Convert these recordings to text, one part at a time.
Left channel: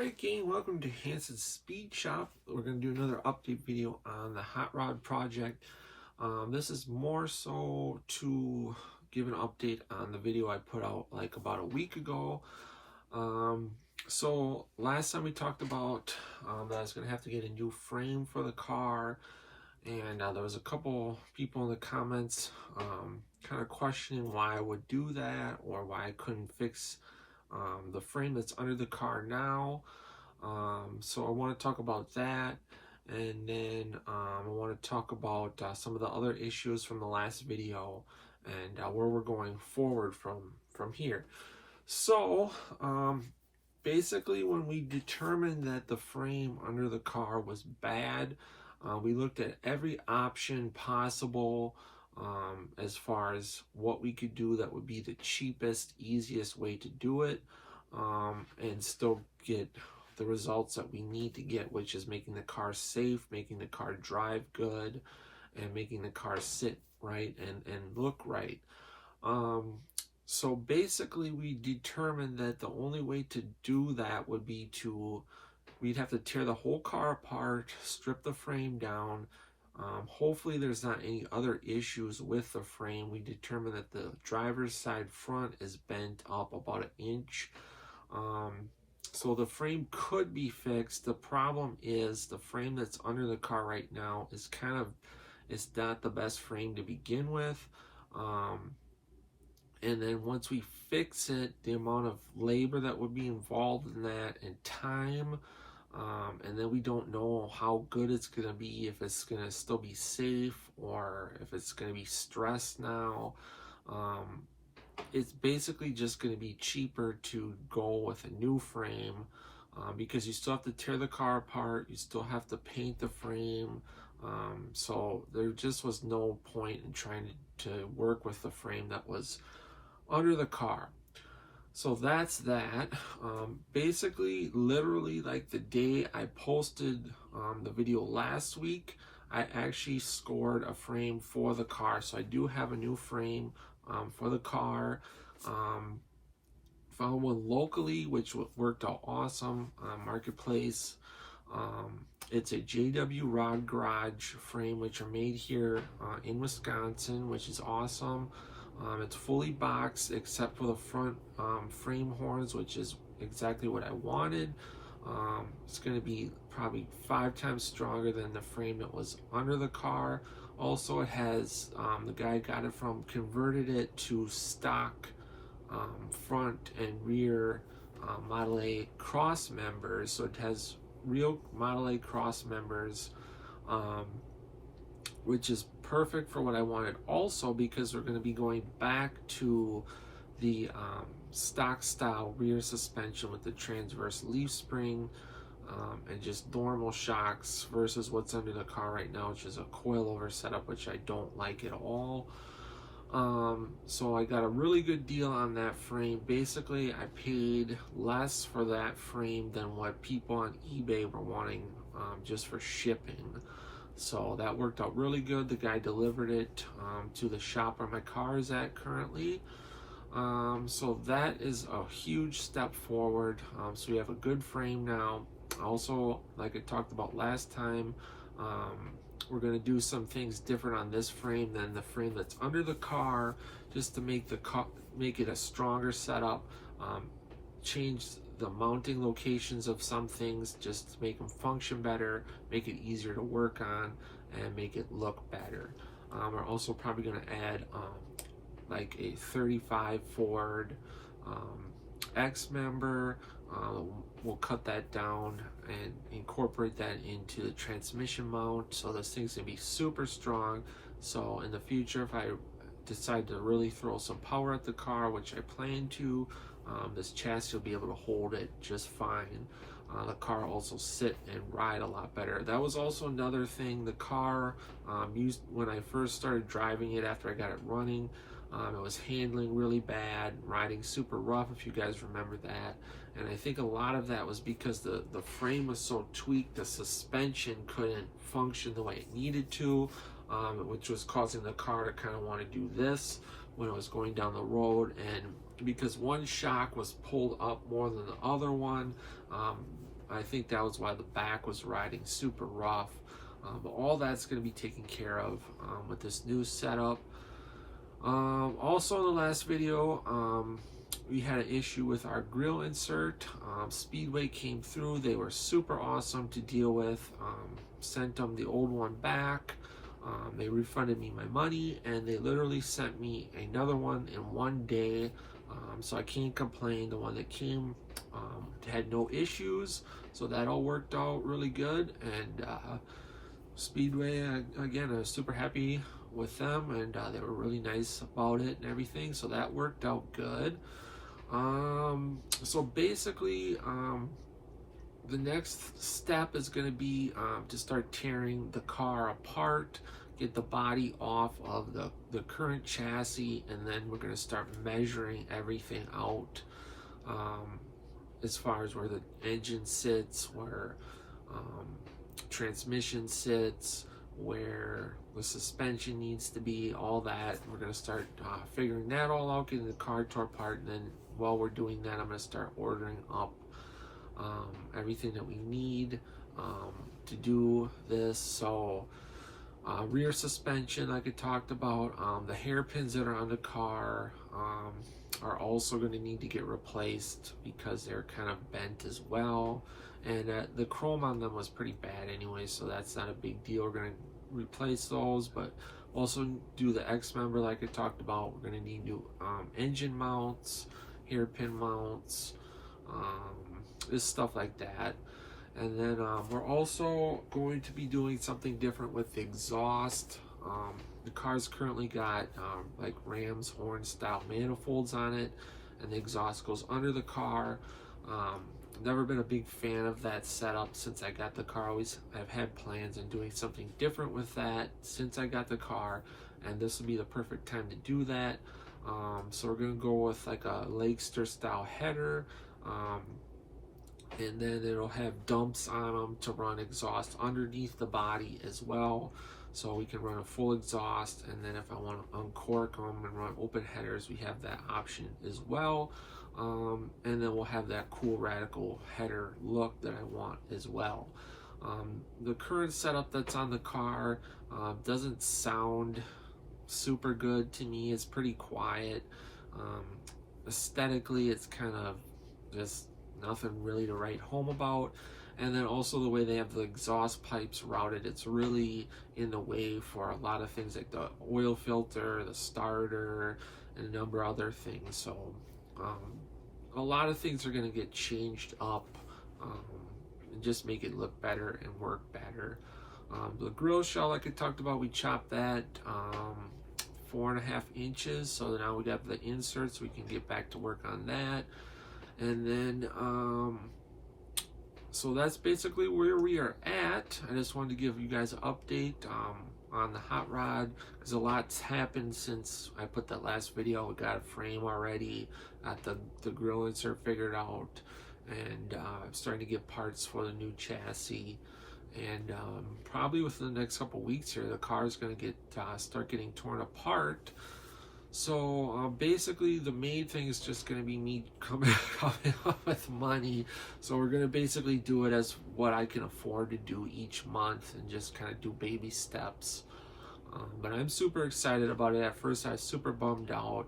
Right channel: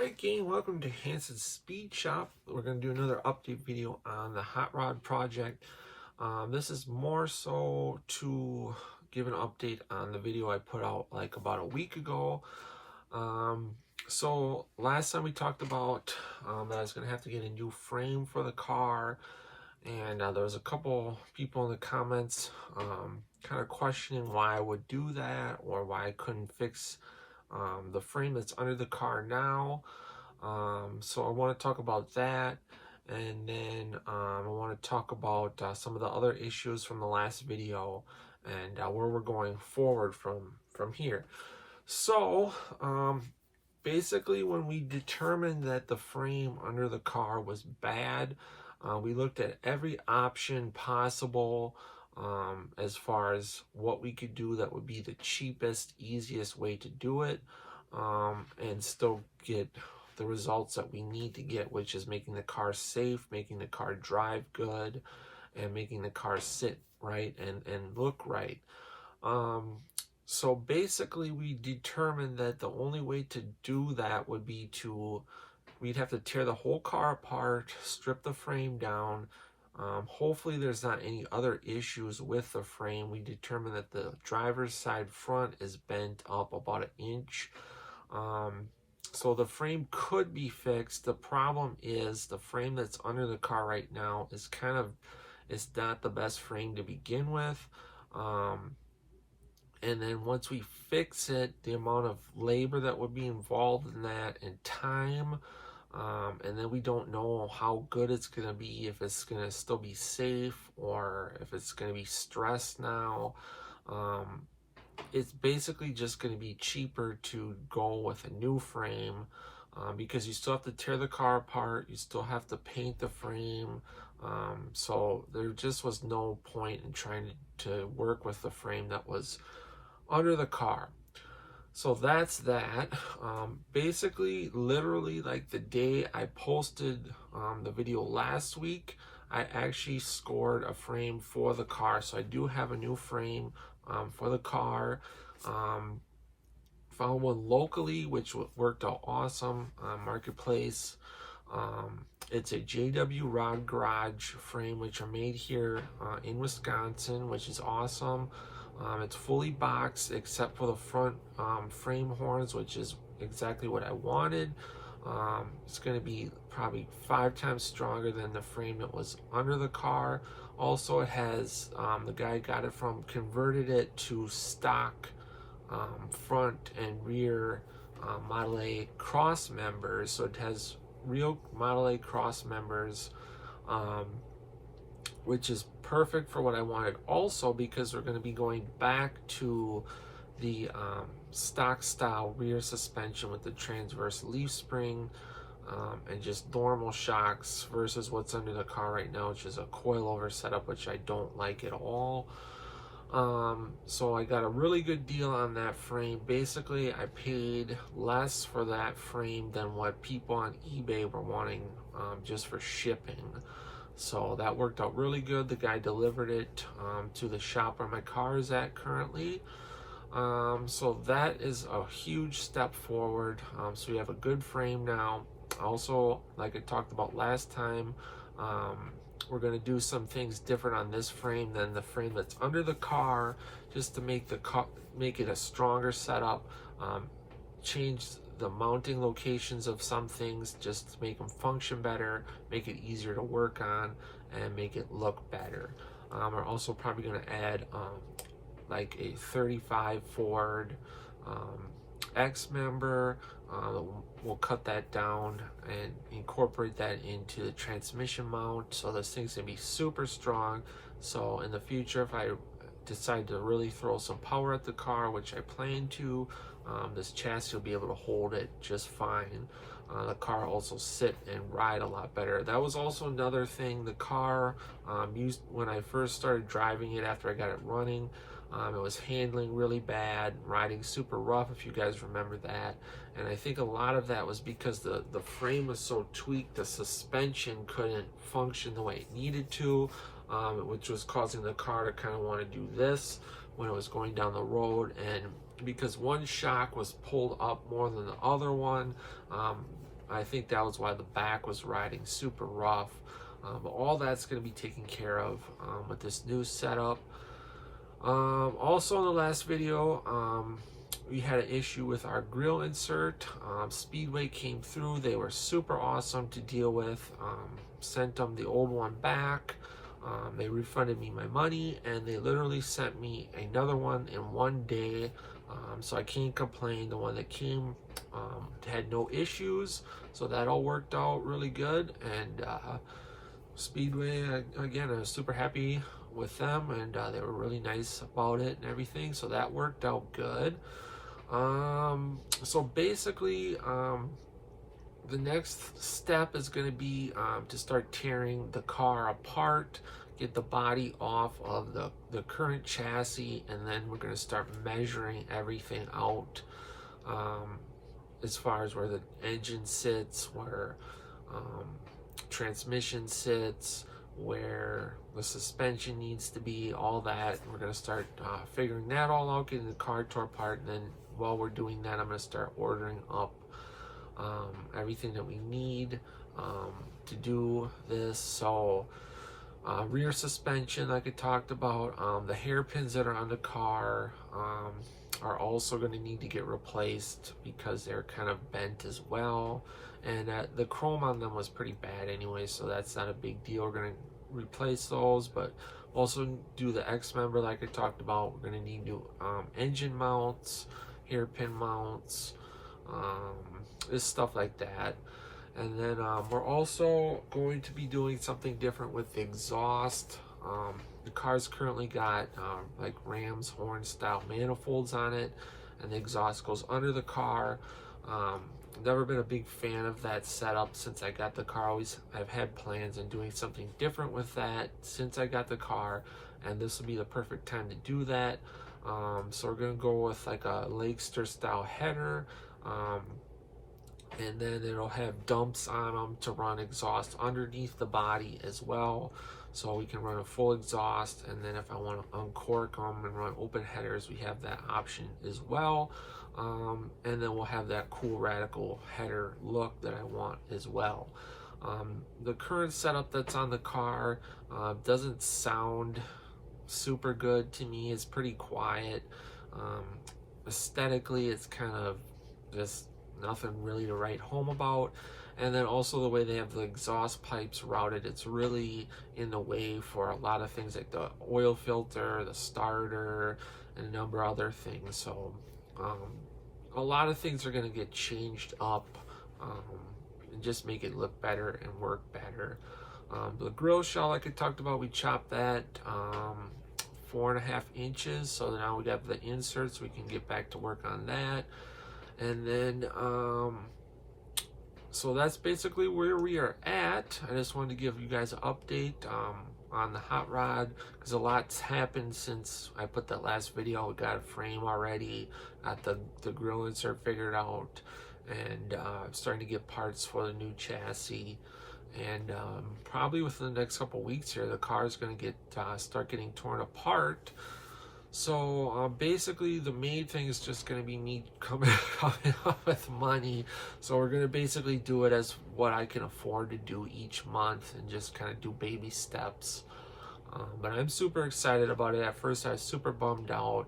Alright gang, welcome to Hansens Speed Shop. We're going to do another update video on the hot rod project. This is more so to give an update on the video I put out like about a week ago. So last time we talked about that I was going to have to get a new frame for the car, and there was a couple people in the comments kind of questioning why I would do that or why I couldn't fix the frame that's under the car now. So I want to talk about that, and then I want to talk about some of the other issues from the last video and where we're going forward from here. So basically, when we determined that the frame under the car was bad, we looked at every option possible as far as what we could do that would be the cheapest, easiest way to do it, and still get the results that we need to get, which is making the car safe, making the car drive good, and making the car sit right and look right. So basically we determined that the only way to do that would be we'd have to tear the whole car apart, strip the frame down. Hopefully there's not any other issues with the frame. We determined that the driver's side front is bent up about an inch. So the frame could be fixed. The problem is the frame that's under the car right now is not the best frame to begin with. And then once we fix it, the amount of labor that would be involved in that and time, and then we don't know how good it's going to be, if it's going to still be safe or if it's going to be stressed now. It's basically just going to be cheaper to go with a new frame, because you still have to tear the car apart, you still have to paint the frame. So there just was no point in trying to work with the frame that was under the car. So that's that. Basically, literally, like the day I posted the video last week, I actually scored a frame for the car. So I do have a new frame for the car. Found one locally, which worked out awesome on Marketplace. It's a JW Rod Garage frame, which are made here in Wisconsin, which is awesome. It's fully boxed except for the front frame horns, which is exactly what I wanted. It's going to be probably 5 times stronger than the frame that was under the car. Also, it has, the guy got it from, converted it to stock front and rear Model A cross members. So it has real Model A cross members, which is perfect for what I wanted. Also, because we're going to be going back to the stock style rear suspension with the transverse leaf spring and just normal shocks versus what's under the car right now, which is a coilover setup, which I don't like at all. So I got a really good deal on that frame. Basically, I paid less for that frame than what people on eBay were wanting just for shipping. So that worked out really good. The guy delivered it to the shop where my car is at currently. So that is a huge step forward. So we have a good frame now. Also, like I talked about last time, we're going to do some things different on this frame than the frame that's under the car, just to make it a stronger setup. Change the mounting locations of some things just to make them function better, make it easier to work on, and make it look better. We're also probably going to add like a 35 Ford X member. We'll cut that down and incorporate that into the transmission mount, so this thing's gonna be super strong. So in the future, if I decide to really throw some power at the car, which I plan to, this chassis will be able to hold it just fine. The car also sit and ride a lot better. That was also another thing the car used when I first started driving it after I got it running. It was handling really bad, riding super rough, if you guys remember that. And I think a lot of that was because the frame was so tweaked, the suspension couldn't function the way it needed to, which was causing the car to kind of want to do this when it was going down the road. And because one shock was pulled up more than the other one. I think that was why the back was riding super rough. But all that's going to be taken care of with this new setup. Also in the last video, we had an issue with our grill insert. Speedway came through. They were super awesome to deal with. Sent them the old one back. They refunded me my money, and they literally sent me another one in one day. So I can't complain. The one that came had no issues, so that all worked out really good. And Speedway, again, I was super happy with them, and they were really nice about it and everything, so that worked out good. So basically, the next step is going to be to start tearing the car apart, get the body off of the current chassis, and then we're going to start measuring everything out, as far as where the engine sits, where transmission sits, where the suspension needs to be, all that. We're going to start figuring that all out, getting the car tore apart, and then while we're doing that, I'm going to start ordering up everything that we need to do this. So rear suspension, like I talked about, the hairpins that are on the car are also going to need to get replaced because they're kind of bent as well. And the chrome on them was pretty bad anyway, so that's not a big deal. We're going to replace those, but also do the X member like I talked about. We're going to need new engine mounts, hairpin mounts, this stuff like that. And then we're also going to be doing something different with the exhaust. The car's currently got like Ram's horn style manifolds on it, and the exhaust goes under the car. Never been a big fan of that setup since I got the car. I've had plans on doing something different with that since I got the car, and this will be the perfect time to do that. So we're gonna go with like a Lakester style header, and then it'll have dumps on them to run exhaust underneath the body as well, so we can run a full exhaust. And then if I want to uncork them and run open headers, we have that option as well. And then we'll have that cool radical header look that I want as well. The current setup that's on the car doesn't sound super good to me. It's pretty quiet. Aesthetically, it's kind of just nothing really to write home about. And then also the way they have the exhaust pipes routed, it's really in the way for a lot of things like the oil filter, the starter, and a number of other things. So a lot of things are going to get changed up and just make it look better and work better. The grill shell, like I talked about, we chopped that 4.5 inches, so now we got the inserts. We can get back to work on that. And then so that's basically where we are at. I just wanted to give you guys an update on the hot rod, because a lot's happened since I put that last video. We got a frame already, got the grill insert figured out, and I'm starting to get parts for the new chassis. And probably within the next couple weeks here, the car is going to get start getting torn apart. So basically the main thing is just going to be me coming up with money. So we're going to basically do it as what I can afford to do each month, and just kind of do baby steps. But I'm super excited about it. At first I was super bummed out,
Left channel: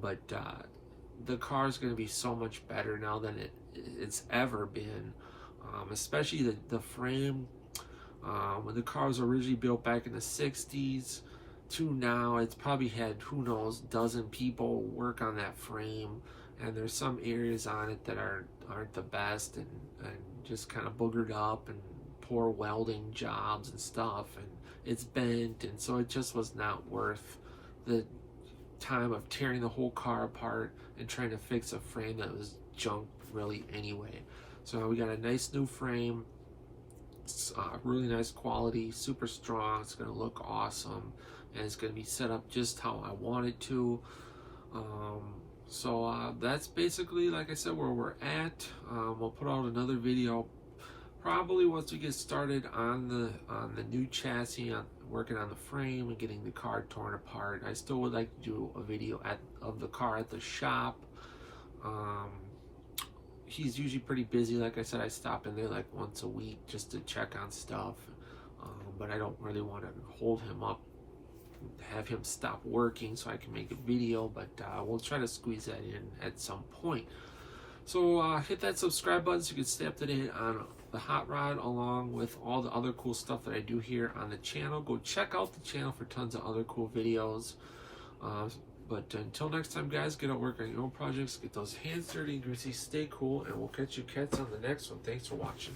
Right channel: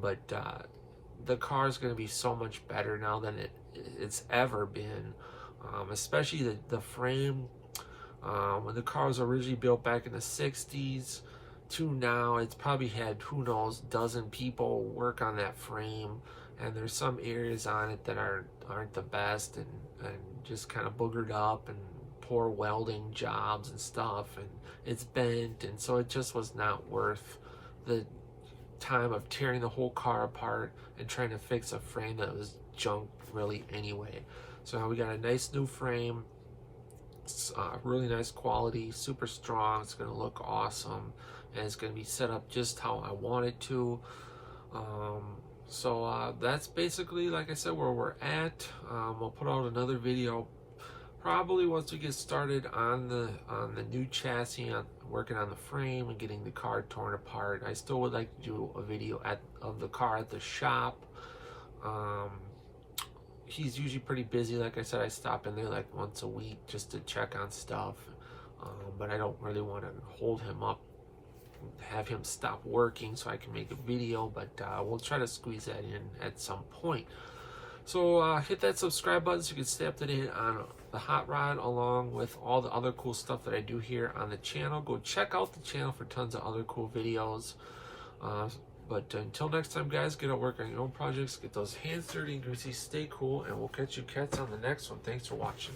but the car is going to be so much better now than it's ever been. Especially the frame. When the car was originally built back in the 60s to now, it's probably had, who knows, dozen people work on that frame, and there's some areas on it that aren't the best, and just kind of boogered up, and poor welding jobs and stuff, and it's bent, and so it just was not worth the time of tearing the whole car apart and trying to fix a frame that was junk really anyway. So now we got a nice new frame. It's really nice quality, super strong. It's going to look awesome, and it's going to be set up just how I want it to. So that's basically, like I said, where we're at. We'll put out another video probably once we get started on the new chassis, on working on the frame and getting the car torn apart, I still would like to do a video of the car at the shop. He's usually pretty busy. Like I said, I stop in there like once a week just to check on stuff, but I don't really want to hold him up, have him stop working so I can make a video, but we'll try to squeeze that in at some point. So hit that subscribe button so you can stay up to date on the hot rod, along with all the other cool stuff that I do here on the channel. Go check out the channel for tons of other cool videos. But until next time, guys, get out work on your own projects, get those hands dirty and greasy, stay cool, and we'll catch you cats on the next one. Thanks for watching.